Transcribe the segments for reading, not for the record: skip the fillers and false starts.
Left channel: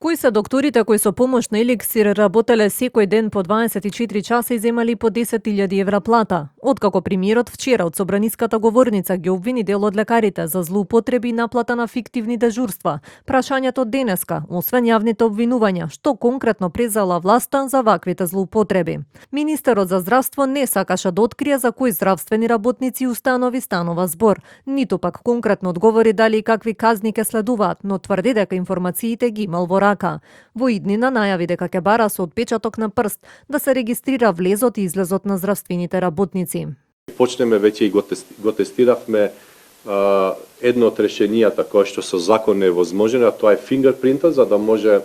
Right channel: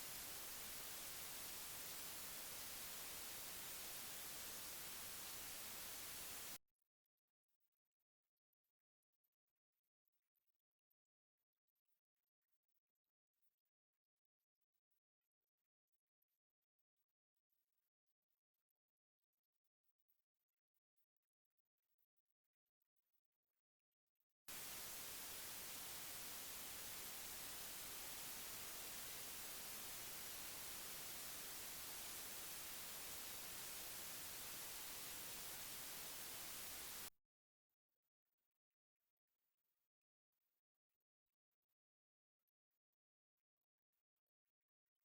Кои се докторите кои со помош на еликсир работеле секој ден по 24 часа и земали по 10.000 евра плата? Откако премиерот вчера од собраниската говорница ги обвини дел од лекарите за злоупотреби и наплата на фиктивни дежурства, прашањето денеска, освен јавните обвинувања, што конкретно презала власта за ваквите злоупотреби? Министерот за здравство не сакаше да открие за кои здравствени работници и установи станува збор, ниту пак конкретно одговори дали и какви казни ке следуваат, но тврди дека информациите ги имал во рака. Во иднина најави дека ќе бара со отпечаток на прст да се регистрира влезот и излезот на здравствените работници. Почнеме веќе и го тестиравме едно од решенијата кое што со закон е возможено, а тоа е фингерпринтот, за да може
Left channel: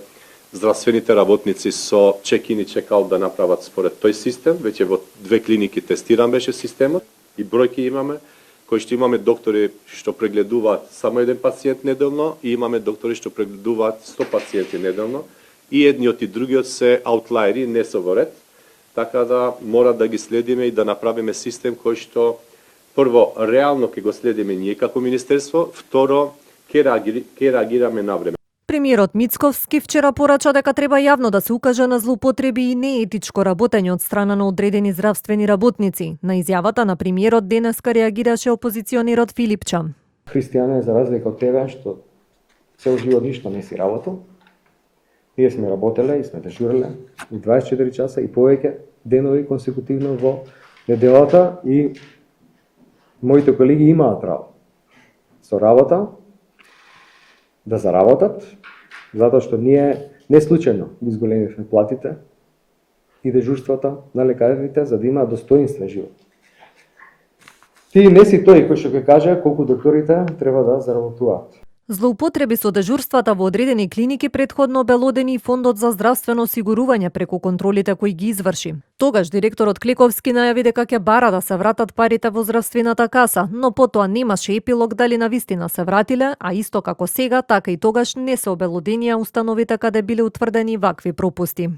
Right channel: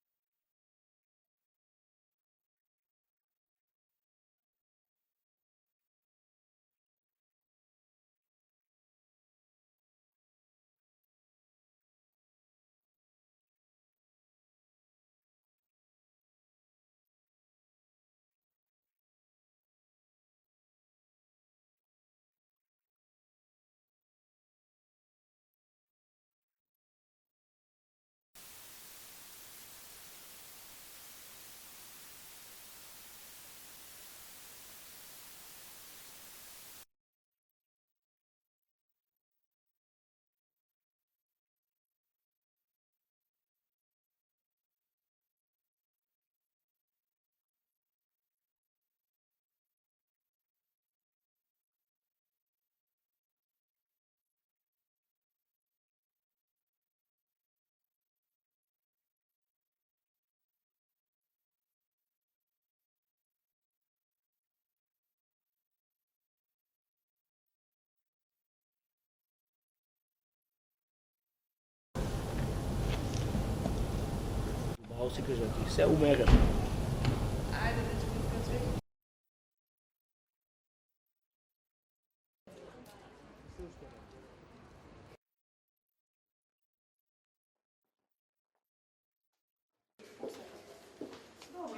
здравствените работници со чек-ин и чек-аут да направат според тој систем. Веќе во 2 клиники тестиран беше системот и бројки имаме, кои што имаме доктори што прегледуваат само еден пациент неделно и имаме доктори што прегледуваат 100 пациенти неделно и едниот и другиот се аутлаери, не се во ред, така да мора да ги следиме и да направиме систем кој што прво реално ќе го следиме ние како министерство, второ ќе реагираме на време. Премиерот Мицковски вчера порача дека треба јавно да се укаже на злоупотреби и неетичко работење од страна на одредени здравствени работници. На изјавата на премиерот денеска реагираше опозиционерот Филипча. Христијане, за разлика од тебе, што цел живот ништо не си работел, ние сме работеле и сме дежуреле и 24 часа и повеќе денови консекутивно во неделата и моите колеги имаат право со работа да заработат, затоа што ние не случајно изголемивме платите и дежурствата на лекарите за да имаат достоинствен живот. Ти не си тој кој што ќе каже колку докторите треба да заработуваат. Злоупотреби со дежурствата во одредени клиники претходно обелодени и Фондот за здравствено осигурување преку контролите кои ги изврши. Тогаш директорот Клековски најави дека ќе бара да се вратат парите во здравствената каса, но потоа немаше епилог дали навистина се вратиле, а исто како сега, така и тогаш не се обелоденија установите каде биле утврдени вакви пропусти.